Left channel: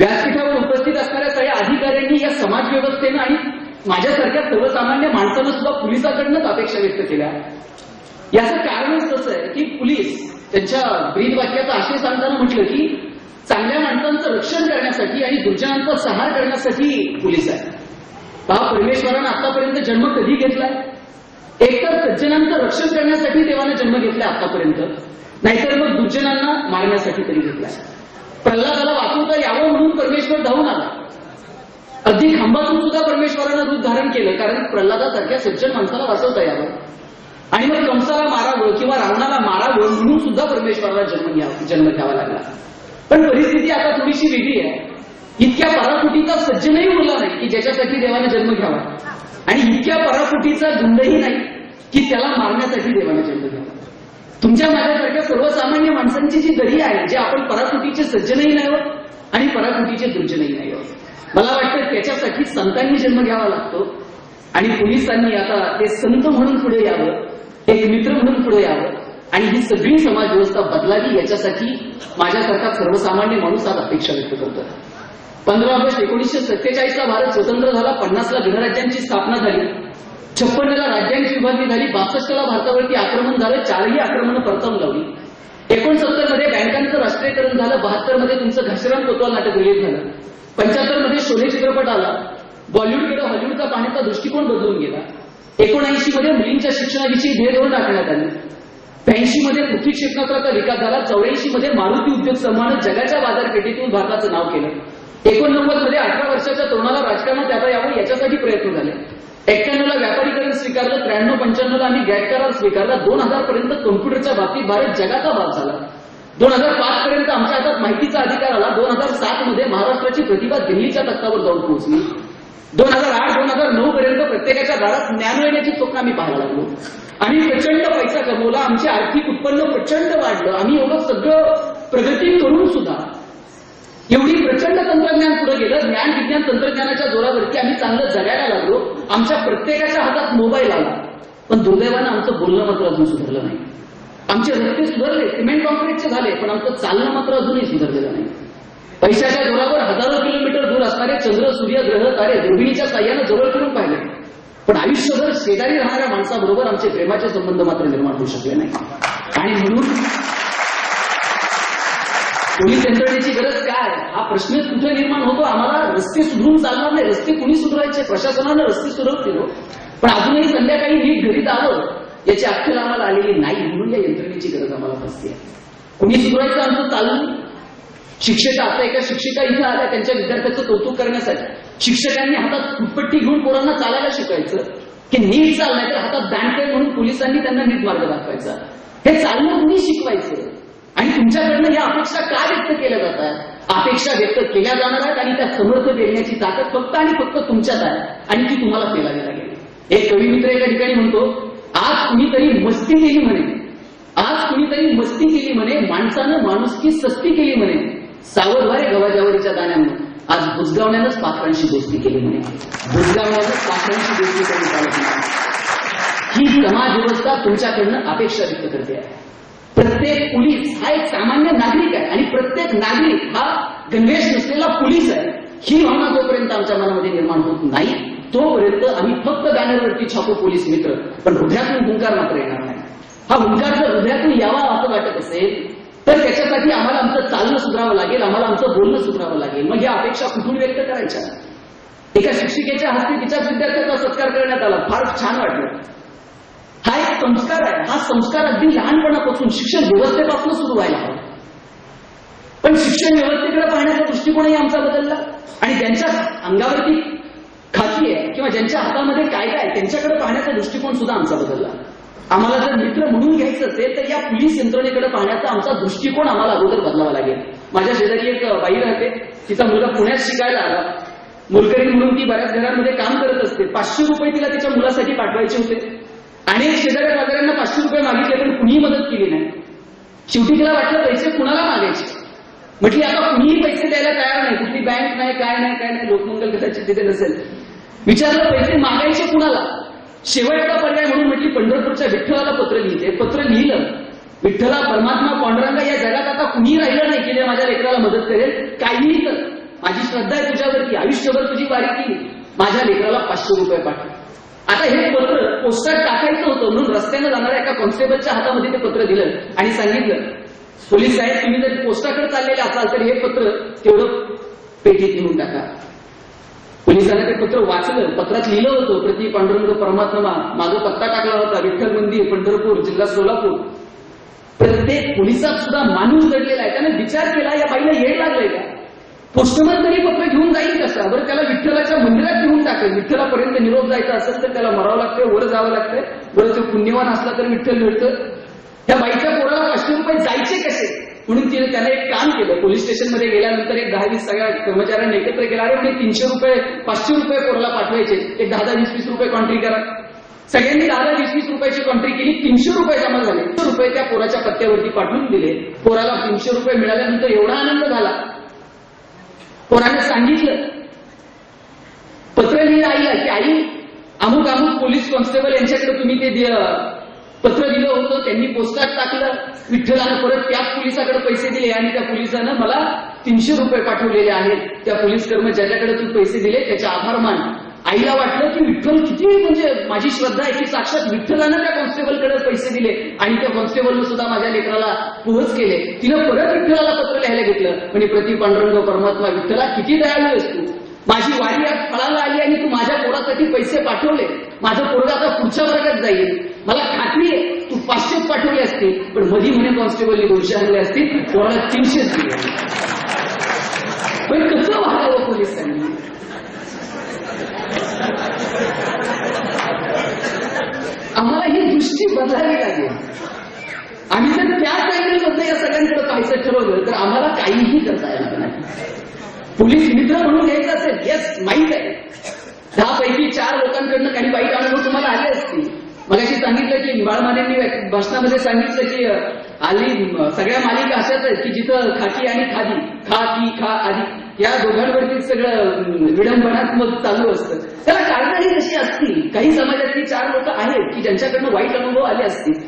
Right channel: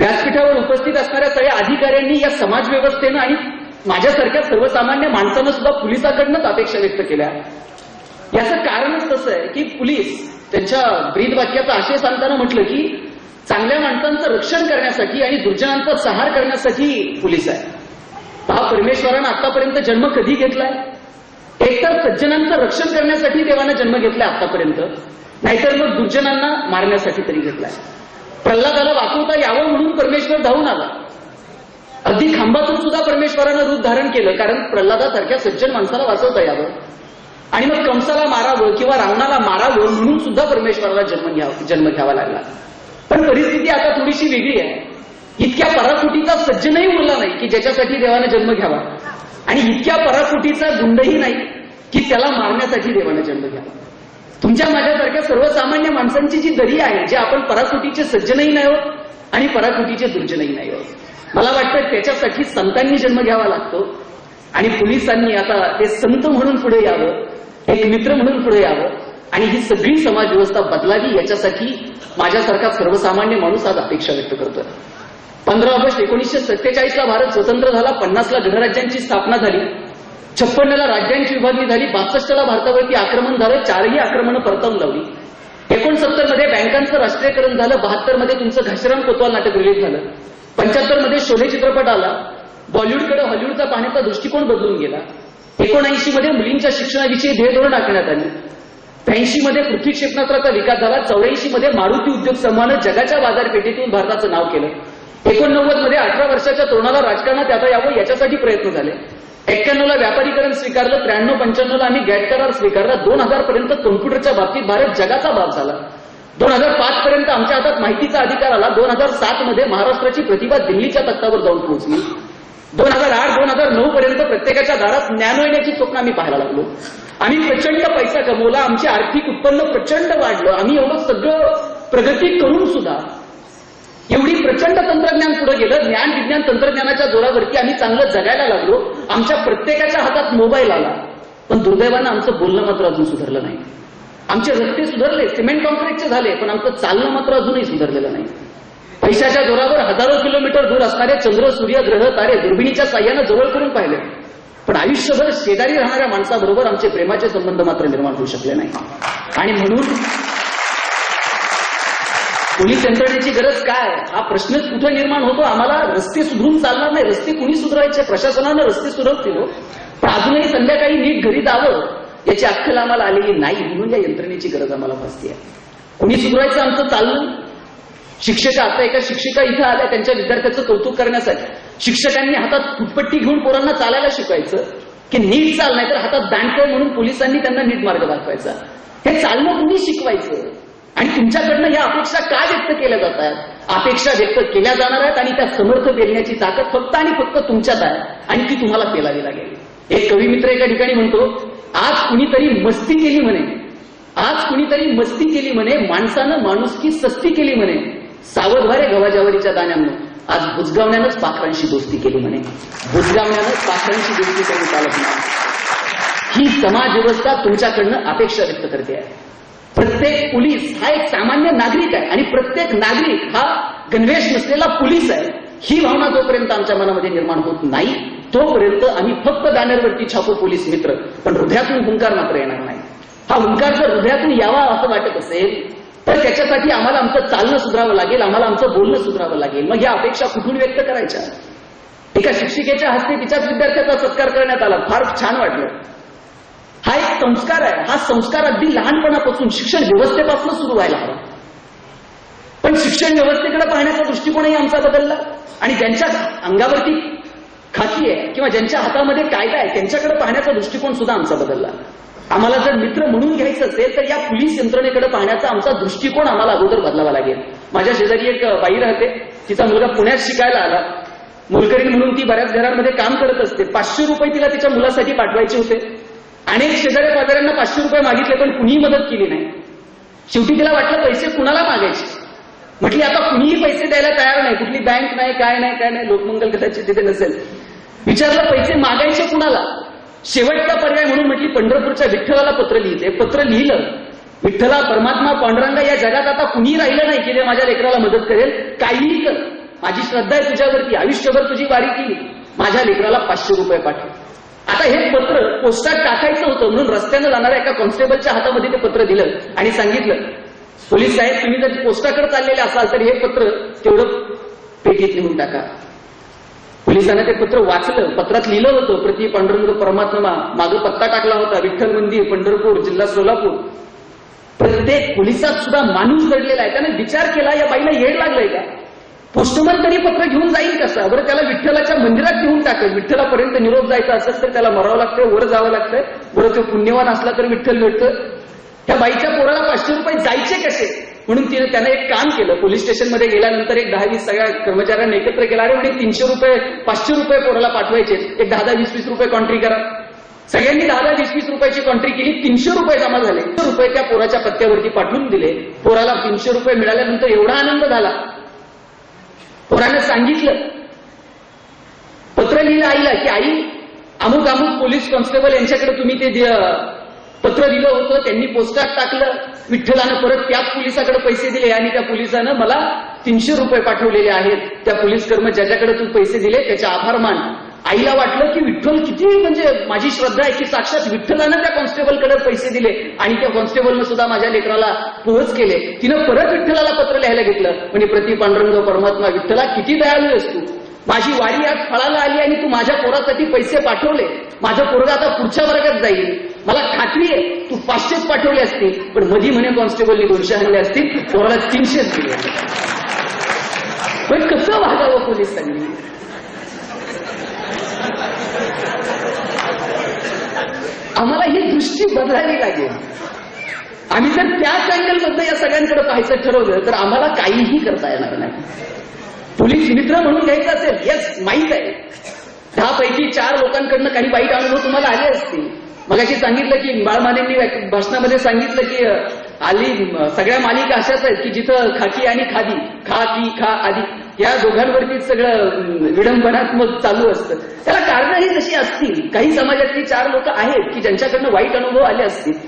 व्यासपीठावर उपस्थित असणाऱ्या सगळ्या अधिकाऱ्यांनी या समाज व्यवस्थेनं आणि माझ्यासारख्या सर्वसामान्य माणसानं सुद्धा पोलिसांकडूनच अपेक्षा व्यक्त केल्या. याचं कारणच तसं आहे की पोलीस त्यांच्या ब्रीद वाक्याचा आशय सांगताना म्हटलं की चांगल्या माणसांचं रक्षण करण्यासाठी आणि दुर्जनांचा सहार करण्यासाठी पोलीस आहे. पहा, परमेश्वरानं आतापर्यंत जन्म कधी घेतलाय? एकतर सज्जनांचं रक्षण करण्यासाठी देवानं जन्म घेतलाय आतापर्यंत, नाहीतर मग दुर्जनांना मारण्यासाठी तरी घेतलाय. प्रल्हादाला वाचवता यावं म्हणून परमेश्वर धावून आला. अगदी खांबातून सुद्धा परमेश्वरानं रूप धारण केलं, कारण प्रल्हादासारख्या सज्जन माणसाला वाचवता यावं. आणि मग कंसाला मारावं किंवा रावणाला मारावं म्हणून सुद्धा परमेश्वराला जन्म घ्यावा लागला. पण परिस्थिती आता थोडीशी वेगळी आहे. इतक्या पराकोटीचा सज्जनही उरला नाही की ज्याच्यासाठी देवाने जन्म घ्यावा, आणि इतक्या पराकोटीचा गुंडही नाही की त्याला मारण्यासाठी देवाने जन्म घ्यावा. तुमच्या माझ्यासारख्या सर्वसामान्य माणसांची जी दरी आहे, जे आपण पराकोटीचे सज्जनही नाही आहोत आणि पराकोटीचे दुर्जनही नाही आहोत, मला वाटतं त्याच्यासाठी संतांनी जन्म घ्यावा लागतो. आणि पोलिसांनी आता ते संत म्हणून पुढे यावं, एक मित्र म्हणून पुढे यावं आणि ही सगळी समाज व्यवस्था बदलावी, याच्यासाठी माझ्यासारखा सर्वसामान्य माणूस आज अपेक्षा व्यक्त करतोय. 15 ऑगस्ट 1947 ला भारत स्वतंत्र झाला. 50 ला गणराज्यांची स्थापना झाली. 56 ला राज्यांची विभागणी झाली. 62 ला भारतावरती आक्रमण झालं. 4ही आक्रमणं परतावून लावली. 69 मध्ये बँकांचं राष्ट्रीयकरण झालं. 72 मध्ये तुमचं घाशीराम कोतवाल नाटक रिलीज झालं. 75 मध्ये शोले चित्रपट आला. बॉलिवूडकडे हॉलिवूडचा पाहण्याचा दृष्टिकोन बदलून गेला. 79 मध्ये मुलींच्या शिक्षणाविषयी ध्येयधोरण आखण्यात आले. 83 मध्ये पृथ्वी क्षेपणास्त्राचा विकास झाला. 84 मध्ये मारुती उद्योग समूहानं जगाच्या बाजारपेठेतून भारताचं नाव केलं. 89 मध्ये 18 वर्षाच्या तरुणाला राजकारणात आता यावं याच्यासाठी प्रयत्न झाले. 91 ला व्यापारीकरण स्वीकारलं. 93-95 ला आम्ही गॅट करार स्वीकारला. 2000 पर्यंत कम्प्युटरच्या बाबतीत भारत जगाचा बाप झाला. 2005 पर्यंत आमच्या हातात माहितीचा अधिकार आला. 2007 मध्ये महाराष्ट्राची प्रतिभा दिल्लीच्या तख्तावर जाऊन पोहोचली. 2008-2009 पर्यंत प्रत्येकाच्या दारात ज्ञान येण्याची स्वप्न आम्ही पाहायला लागलो. आम्ही प्रचंड पैसा कमवला. आमचे आर्थिक उत्पन्न प्रचंड वाढलं. आम्ही एवढं सगळं प्रगती करून सुद्धा एवढी प्रचंड तंत्रज्ञान पुढे गेलं. ज्ञान विज्ञान तंत्रज्ञानाच्या जोरावरती आम्ही चांगलं जगायला लागलो. आमच्या प्रत्येकाच्या हातात मोबाईल आला. पण दुर्दैवानं आमचं बोलणं मात्र अजून सुधारलं नाही. आमचे रस्ते सुधारले, सिमेंट कॉन्क्रीटचे झाले, पण आमचं चालणं मात्र अजूनही सुधारलेलं नाही. पैशाच्या जोरावर हजारो किलोमीटर दूर असणारे चंद्र, सूर्य, ग्रह, तारे दुर्बिणीच्या साह्यानं जवळ करून पाहिले, पण आयुष्यभर शेजारी राहणाऱ्या माणसाबरोबर आमचे प्रेमाचे संबंध मात्र निर्माण होऊ शकले नाही. आणि म्हणून पोलीस यंत्रणेची गरज काय हा प्रश्नच कुठे निर्माण होतो. आम्हाला रस्ते सुधरून चालणार नाही. रस्ते कुणी सुधारायचे? प्रशासनानं रस्ते सुधारतील, पण अजूनही संध्याकाळी नीट घरी जावं याची अक्कल आम्हाला आलेली नाही. म्हणून या यंत्रणेची गरज आम्हाला भासते. कुणी सुधारायचं आमचं चाललं. शिक्षिका, आता एका शिक्षिका इथं आल्या त्यांच्या विद्यार्थ्याचं कौतुक करण्यासाठी. शिक्षकांनी हातात फुटपट्टी घेऊन पोरांना चालायला शिकायचं की नीट चाल, नाही तर हातात दांडकं म्हणून पोलिसांनी त्यांना नीट मार्ग दाखवायचा. हे चालणं कुणी शिकवायचं? आणि तुमच्याकडनं या अपेक्षा का व्यक्त केल्या जातात? अपेक्षा व्यक्त केल्या जाणार आहेत आणि त्या समर्थ पेलण्याची ताकद फक्त आणि फक्त तुमच्यात आहे आणि ती तुम्हाला पेलावी लागेल. एक कवी मित्र एका ठिकाणी म्हणतो, आज कुणीतरी मस्ती केली म्हणे, आज कुणीतरी मस्ती केली म्हणे, माणसानं माणुसकी सस्ती केली म्हणे, सावधवारे गव्हाजावरीच्या दाण्यानं, आज बुजगावण्यानंच पाखरांशी दोस्ती केली म्हणे. बुजगावण्यानंच पाखरांशी दोस्ती करून चालत नाही. ही समाज व्यवस्था तुमच्याकडनं अपेक्षा व्यक्त करते आहे. प्रत्येक पोलीस हा एक सामान्य नागरिक आहे आणि प्रत्येक नागरिक हा गणवेश नसलेला पोलीस आहे. ही भावना जोपर्यंत आमच्या मनामध्ये निर्माण होत नाही तोपर्यंत आम्ही फक्त बॅनरवरती छापू पोलीस मित्र, पण हृदयातून हुंकार मात्र येणार नाही. हा हुंकार जर हृदयातून यावा असं वाटत असेल तर त्याच्यासाठी आम्हाला आमचं चालणं सुधारावं लागेल, आम्हाला आमचं बोलणं सुधारावं लागेल. मग या अपेक्षा कुठून व्यक्त करायच्या? एका शिक्षिकेच्या हस्ते तिच्याच विद्यार्थ्याचा सत्कार करण्यात आला. फार छान वाटलं. हा एक संस्कार आहे. हा संस्कार अगदी लहानपणापासून शिक्षण व्यवस्थेपासून सुरू व्हायला हवा. पण शिक्षण व्यवस्थेकडे पाहण्याचा दृष्टिकोनही आमचा बदलला आणि ज्यांच्या अंगावरती खाकी आहे किंवा ज्यांच्या हातामध्ये कायदा आहे त्यांच्याकडे पाहण्याचा दृष्टिकोन सुद्धा आमचा बदलला. आम्हाला जर मित्र म्हणून घ्यायचं असेल तर या पोलीस यंत्रणेकडे पाहण्याचा आमचा दृष्टिकोन आम्हाला अगोदर बदलावा लागेल. माझ्या शेजारी एक बाई राहते, तिचा मुलगा पुण्यात शिकायला आला. मोलकरी म्हणून ती बऱ्याच घरांमध्ये काम करत असते. 500 रुपये तिला तिच्या मुलासाठी पाठवायचे होते. अनेक शेजारी बाजाऱ्यांना 500 रुपये मागितले पण कुणीही मदत केली नाही. शेवटी तिला वाटलं पैसे कुणाला मागायचे. म्हटली आता कुणीही पैसे द्यायला तयार नाही, कुठली बँक नाही, काय नाही, लोकमंगल कदाचित तिथे नसेल. विचारलं पैसे मागायचे कुणाला? शेवटचा पर्याय म्हणून म्हटली पंढरपूरच्या विठ्ठलाला पत्र लिहिते. पत्र लिहिलं. विठ्ठला, परमात्मा, पांडुरंगा, या जगात आता कुणी राहिलं नाही की जे माझ्या लेकराला मदत करेल. काहीही कर, माझी श्रद्धा आहे तुझ्यावरती, आयुष्यभर तुझी वारी केली, माझ्या लेकराला 500 रुपये पाठव. आता हे पत्र पोस्टात टाकायचं होतं म्हणून रस्त्यानं जाणाऱ्या एका कॉन्स्टेबलच्या हातामध्ये ते पत्र दिलं आणि सांगितलं, पोलीस साहेब तुम्ही जर पोस्टाकडे चाललेले असाल तर हे पत्र तेवढं पेटीत लिहून टाका. पोलिसांनी ते पत्र वाचलं. पत्रात लिहिलं होतं, प्रति पांडुरंग परमात्मा, मागं पत्ता टाकला होता, विठ्ठल मंदिर, पंढरपूर, जिल्हा सोलापूर. प्रत्येक पोलिसात सुद्धा माणूस दडलेला आहे. त्याने विचार केला, या बाईला येड लागलंय का? पोस्टमन तरी पत्र घेऊन जाईल कसं? बरं त्याला विठ्ठलाच्या मंदिरात घेऊन टाकेल. विठ्ठलापर्यंत निरोप जायचा असेल तर त्याला मरावं लागतंय, वर जावं लागतंय. बरं तो पुण्यवान असला तर विठ्ठल भेटतं. त्या बाईच्या पोराला 500 रुपये जायचे कसे? म्हणून त्याने एक काम केलं. पोलीस स्टेशनमध्ये गेल्यानंतर एक 10-20 सगळ्या कर्मचाऱ्यांनी एकत्र केला, अरे म्हणे 300 रुपये 500 रुपये पोराला पाठवायचे, एक 10-20 रुपये कॉन्ट्री करा. सगळ्यांनी 10-20 रुपयाची कॉन्ट्री केली. 300 रुपये जमा झाले. 300 रुपये त्या पोराच्या पत्त्यावरती पाठवून दिले. पोराला 300 रुपये मिळाल्यानंतर एवढा आनंद झाला. पोराने सांगितलं, पत्र लिहिलं आईला की आई अमुक अमुक पोलीस कॉन्स्टेबल यांच्याकडे तुम्ही ते पत्र दिलं होतं, त्यांनी पोस्टात टाकलं. विठ्ठलानं परत त्याच पोलिसाकडे पैसे दिले आणि त्या पोलिसानं मला 300 रुपये पाठवलेले आहेत. त्या पोलीस कर्मचाऱ्याकडे तू पैसे दिले त्याचे आभार मान. आईला वाटलं की विठ्ठल किती, म्हणजे माझी श्रद्धा आहे की साक्षात विठ्ठलानं त्या कॉन्स्टेबलकडे पैसे दिले आणि त्या कॉन्स्टेबलनं सुद्धा माझ्या लेकराला पोहोच केले. तिनं परत विठ्ठलाला पत्र लिहायला घेतलं. म्हणजे प्रति पांडुरंग परमात्मा, विठ्ठला किती दयाळू आहेस तू, माझी वारी आज फळाला आली आणि तू माझ्या पोरासाठी पैसे पाठवले. माझं पोरगा आता पुढच्या वर्गात जाईल. मला खात्री आहे तू 500 पाठवले असतील, पण मधी म्हणे कॉन्स्टेबलनी 200 आणले असतील, पोराला 300 दिले. पण कसं वागावं पोलिसांनी? आम्हाला ही दृष्टी बदलावी लागेल. आम्ही जर त्याच अँगलमधनं या सगळ्यांकडे पाहायचं ठरवलं तर आम्हाला काहीही करता येणार नाही. पोलीस मित्र म्हणून घ्यायचं असेल, येस माहीत आहे 10 पैकी 4 लोकांकडनं काही वाईट अनुभव तुम्हाला आले असतील. मगाशी सांगितलं की बाळमानेंनी भाषणामध्ये सांगितलं की सगळ्या मालिका अशाच आहेत की जिथं खाकी आणि खादी, खा की खा आधी, या दोघांवरती सगळं विडंबनात्मक चालू असतं. त्याला कारणंही तशी असतील. काही समाजातली 4 लोक आहेत की ज्यांच्याकडनं वाईट अनुभव आले असतील,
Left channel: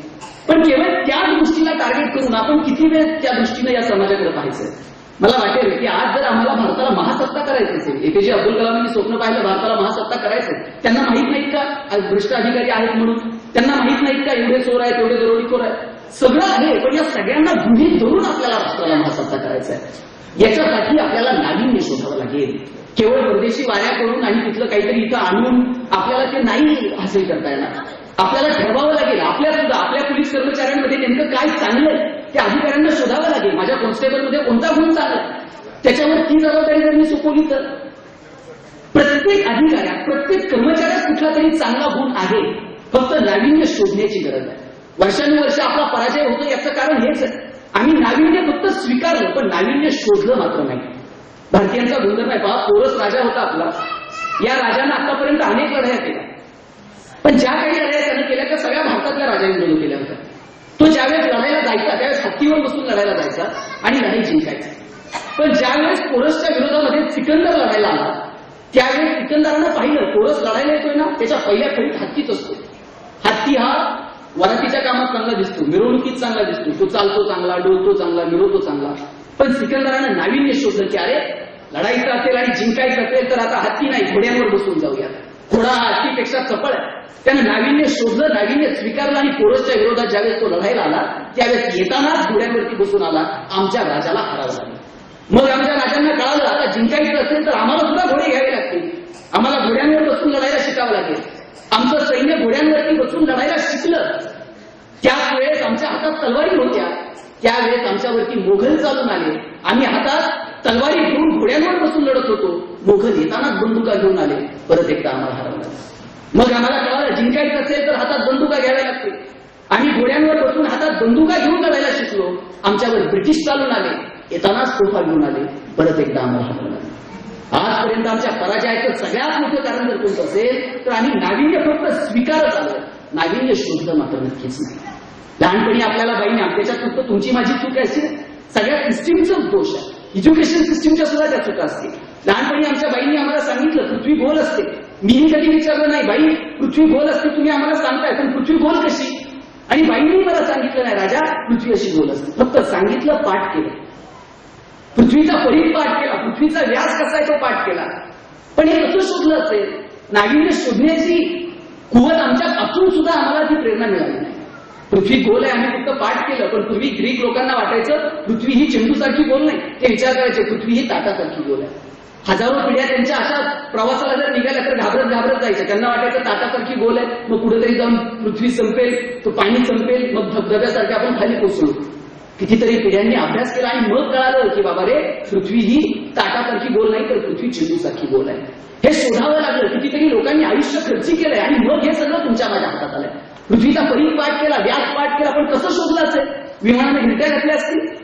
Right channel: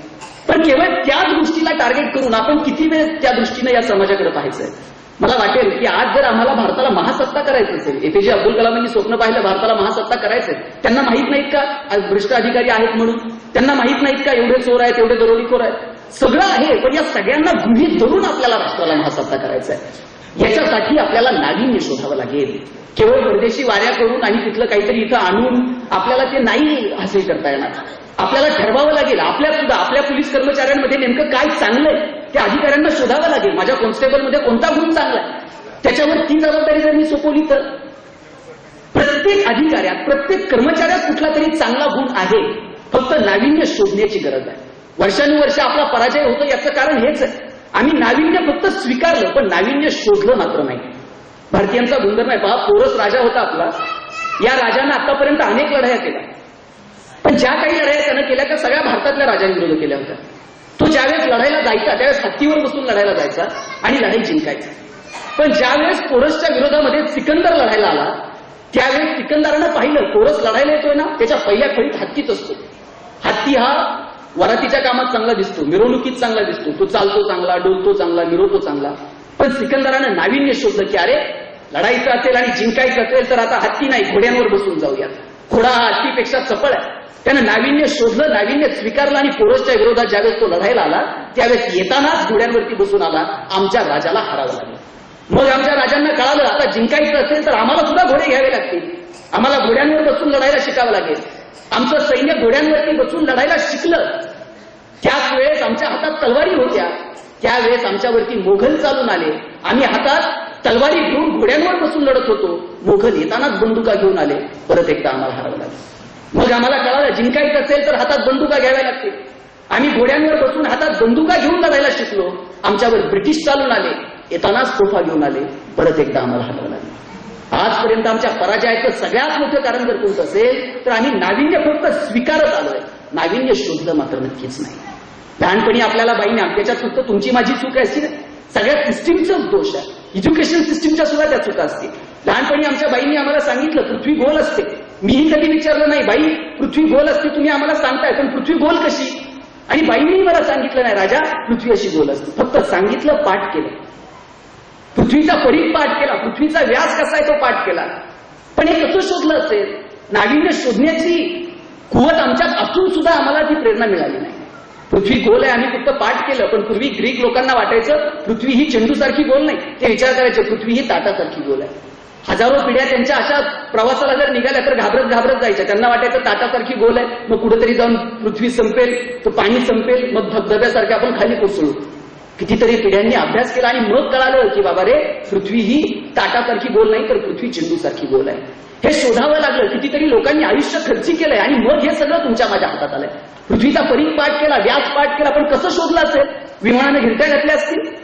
पण केवळ त्याच गोष्टीला टार्गेट करून आपण किती वेळ त्या दृष्टीनं या समाजाकडे पाहायचंय. मला वाटेल की आज जर आम्हाला भारताला महासत्ता करायचं असेल, APJ अब्दुल कलामांनी स्वप्न पाहिलं भारताला महासत्ता करायचंय, त्यांना माहित नाहीत का आज भ्रष्ट अधिकारी आहेत म्हणून? त्यांना माहित नाहीत का एवढे चोर आहेत, एवढे दरोडेखोर आहेत? सगळं आहे, पण या सगळ्यांना गृहीत धरून आपल्याला राष्ट्राला महासत्ता करायचा आहे. याच्यासाठी आपल्याला नाविन्य शोधावं लागेल. केवळ परदेशी वाऱ्या करून आणि तिथलं काहीतरी इथं आणून आपल्याला ते नाही हासिल करता येणार. आपल्याला ठरवावं लागेल. आपल्या पोलीस कर्मचाऱ्यांमध्ये नेमकं काय चांगलंय त्या अधिकाऱ्यांना शोधावं लागेल. माझ्या कॉन्स्टेबलमध्ये कोणता गुण चांगला आहे, त्याच्यावर ती जबाबदारी जर मी सोपवली तर प्रत्येक अधिकाऱ्यात, प्रत्येक कर्मचाऱ्यात कुठला तरी चांगला गुण आहे. फक्त नाविन्य शोधण्याची गरज आहे. वर्षानुवर्ष आपला पराजय होतो याचं कारण हेच आहे. आम्ही नाविन्य फक्त स्वीकारलं पण नाविन्य शोधलं मात्र नाही. भारतीयांचा गुणधर्म आहे. पहा, पोरस राजा होता आपला. या राजानं आतापर्यंत अनेक लढाया केल्या, पण ज्या काही लढाया त्यानं केल्या त्या सगळ्या भारतातल्या राजांविरोधात केल्या होत्या. तो ज्यावेळेस लढायला जायचा त्यावेळेस हत्तीवर बसून लढायला जायचा आणि लढाई जिंकायचा. पण ज्यावेळेस पोरसच्या विरोधामध्ये सिकंदर लढायला आला त्यावेळेस सिकंदरानं पाहिलं पोरस लढायला येतोय ना, त्याच्या पहिल्या फळीत हत्तीच असतो. हत्ती हा वरातीच्या कामात चांगला दिसतो, मिरवणुकीत चांगला दिसतो, तो चालतो चांगला, डोलतो चांगला, मिरवतो चांगला. पण सिकंदरानं नाविन्य शोधलं की अरे लढायचं असेल आणि जिंकायचं असेल तर आता हत्ती नाही, घोड्यांवर बसून जाऊया. घोडा हा हत्तीपेक्षा चपळ आहे. त्यानं नाविन्य शोधलं, नाविन्य स्वीकारलं आणि पोरसच्या विरोधात ज्यावेळेस तो लढायला आला त्यावेळेस येतानाच घोड्यांवरती बसून आला. आमच्या राजाला हरावं लागलं. मग आमच्या राजांना कळालं आता जिंकायचं असेल तर आम्हाला सुद्धा घोडे घ्यावे लागतील, आम्हाला घोड्यांवर बसून लढायला शिकावं लागेल. आमचं सैन्य घोड्यांवरती बसून लढायला शिकलं. त्याच वेळेस आमच्या हातात तलवारी होत्या. त्यावेळेस आमच्यावरती मोघल चालून आले. आम्ही हातात तलवारी घेऊन घोड्यांवर बसून लढत होतो. मोघल येतानाच बंदुका घेऊन आले. परत एकदा आम्हाला हरवलं लागलं. मग आम्हाला कळालं जिंकायचं असेल तर हातात बंदुका घ्याव्या लागतील. आम्ही घोड्यांवर बसून हातात बंदुका घेऊन लढायला शिकलो. आमच्यावर ब्रिटिश चालून आले. येतानाच तोफा घेऊन आले. परत एकदा आम्हाला हरवलं लागलं. आजपर्यंत आमच्या पराजयाचं सगळ्यात मोठं कारण जर कोणतं असेल तर आम्ही नाविन्य फक्त स्वीकारत आलोय, नाविन्य शोधलं मात्र नक्कीच नाही. लहानपणी आपल्याला बाईने त्याच्यात फक्त तुमची माझी चूक आहे अशी सगळ्या सिस्टीमचाच दोष आहे. एज्युकेशन सिस्टीमच्या सुद्धा त्या चुका असतील. लहानपणी आमच्या बाईंनी आम्हाला सांगितलं पृथ्वी गोल असते. मीही कधी विचारलं नाही बाई पृथ्वी गोल असते तुम्ही आम्हाला सांगताय, पण पृथ्वी गोल कशी? आणि बाईंनी मला सांगितलं नाही राजा पृथ्वी अशी गोल असते. फक्त सांगितलं, पाठ केलं. पृथ्वीचा परीघ पाठ केला, पृथ्वीचा व्यास कसा आहे तो पाठ केला. पण हे कसं शोधलं असेल? नाविन्य शोधण्याची कुवत आमच्यात असून सुद्धा आम्हाला ती प्रेरणा मिळाली नाही. पृथ्वी गोल आहे आम्ही फक्त पाठ केलं, पण पूर्वी ग्रीक लोकांना वाटायचं पृथ्वी ही चेंडूसारखी गोल नाही. ते विचार करायचे पृथ्वी ही ताटासारखी गोल आहे. हजारो पिढ्या त्यांच्या अशा प्रवासाला जर निघाल्या तर घाबरत जायच्या. त्यांना वाटायचं ताटासारखी गोल आहे, मग कुठेतरी जाऊन पृथ्वी संपेल, तो पाणी संपेल, मग धबधब्यासारखे आपण खाली कोसळू. कितीतरी पिढ्यांनी अभ्यास केला आणि मग कळालं की बाबा रे, पृथ्वी ही ताटासारखी गोल नाही तर पृथ्वी चेंडूसारखी गोल आहे. हे शोधावं लागलं. कितीतरी लोकांनी आयुष्य खर्ची केलंय आणि मग हे सगळं तुमच्या माझ्या हातात आलंय. पृथ्वीचा परीघ पाठ केला, व्यास पाठ केला, पण कसं शोधलं असेल? विमानाने गिरट्या घातल्या असतील.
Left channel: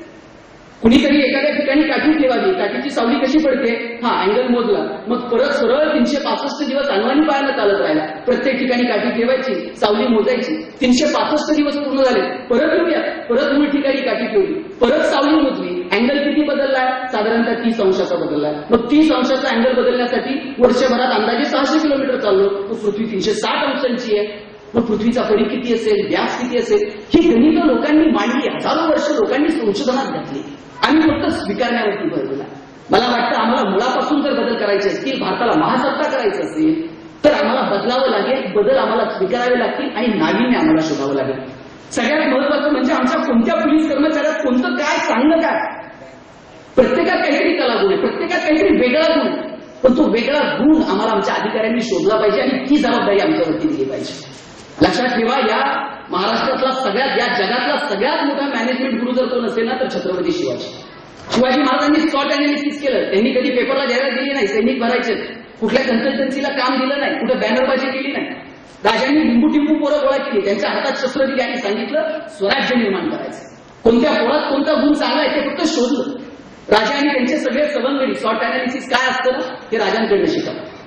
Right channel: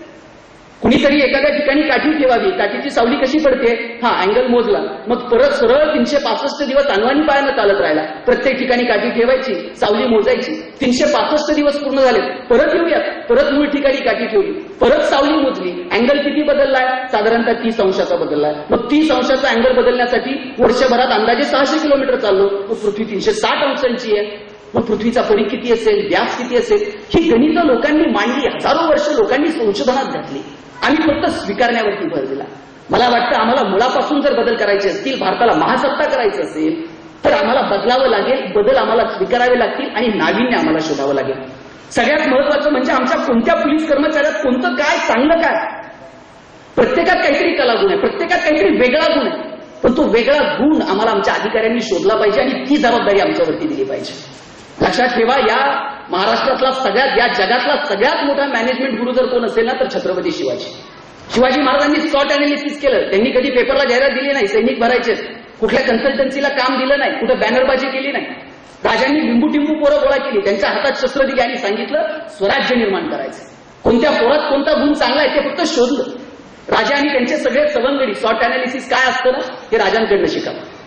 कुणीतरी एखाद्या ठिकाणी काठी ठेवावी, काठीची सावली कशी पडते, हा अँगल मोजला, मग परत सरळ 365 दिवस अनवाणी पायानं चालत राहिला. प्रत्येक ठिकाणी काठी ठेवायची, सावली मोजायची. 365 दिवस पूर्ण झाले, परत येऊयात, परत मूळ ठिकाणी काठी ठेवली, परत सावली मोजली. अँगल किती बदललाय? साधारणतः 30 अंशाचा बदललाय. मग 30 अंशाचा अँगल बदलण्यासाठी वर्षभरात अंदाजे 600 किलोमीटर चाललो. मग पृथ्वी 360 अंशांची आहे. मग पृथ्वीचा परीघ किती असेल, व्यास किती असेल, ही गणितं लोकांनी मांडली. हजारो वर्ष लोकांनी संशोधनात घातली. आम्ही फक्त स्वीकारण्यावरती भर दिला. मला वाटतं आम्हाला मुळापासून जर बदल करायचे असतील, भारताला महासत्ता करायचं असेल, तर आम्हाला बदलावं लागेल. बदल आम्हाला स्वीकारावे लागतील आणि नाविन्य आम्हाला शोधावं लागेल. सगळ्यात महत्वाचं म्हणजे आमच्या कोणत्या पोलीस कर्मचाऱ्यात कोणतं काय, चांगलं काय. प्रत्येकात काहीतरी कलागुण आहे, प्रत्येकात काहीतरी वेगळा गुण आहे. पण तो वेगळा गुण आम्हाला आमच्या अधिकाऱ्यांनी शोधला पाहिजे आणि ती जबाबदारी आमच्यावरती दिली पाहिजे. लक्षात ठेवा, या महाराष्ट्रातला सगळ्यात, या जगातला सगळ्यात मोठा मॅनेजमेंट गुरु जर कोण असेल ना तर छत्रपती शिवाजी. शिवाजी महाराजांनी स्पॉट अनालिसिस केलं. त्यांनी कधी पेपरला जाहिरात दिली नाही, सैनिक भरायचे, कुठल्या कन्सल्टन्सीला काम दिलं नाही, कुठं बॅनरबाजी केली नाही. राजांनी लिंबू टिंबू पोरं गोळा केली, त्यांच्या हातात शस्त्र दिली आणि सांगितलं स्वराज्य निर्माण करायचं. कोणत्या पोरात कोणता गुण चांगला आहे ते फक्त शोधलं. राजा आणि त्यांचे सगळे सवंगडी. शॉर्ट अनालिसिस काय असतं ना, हे राजांकडनं शिकावं.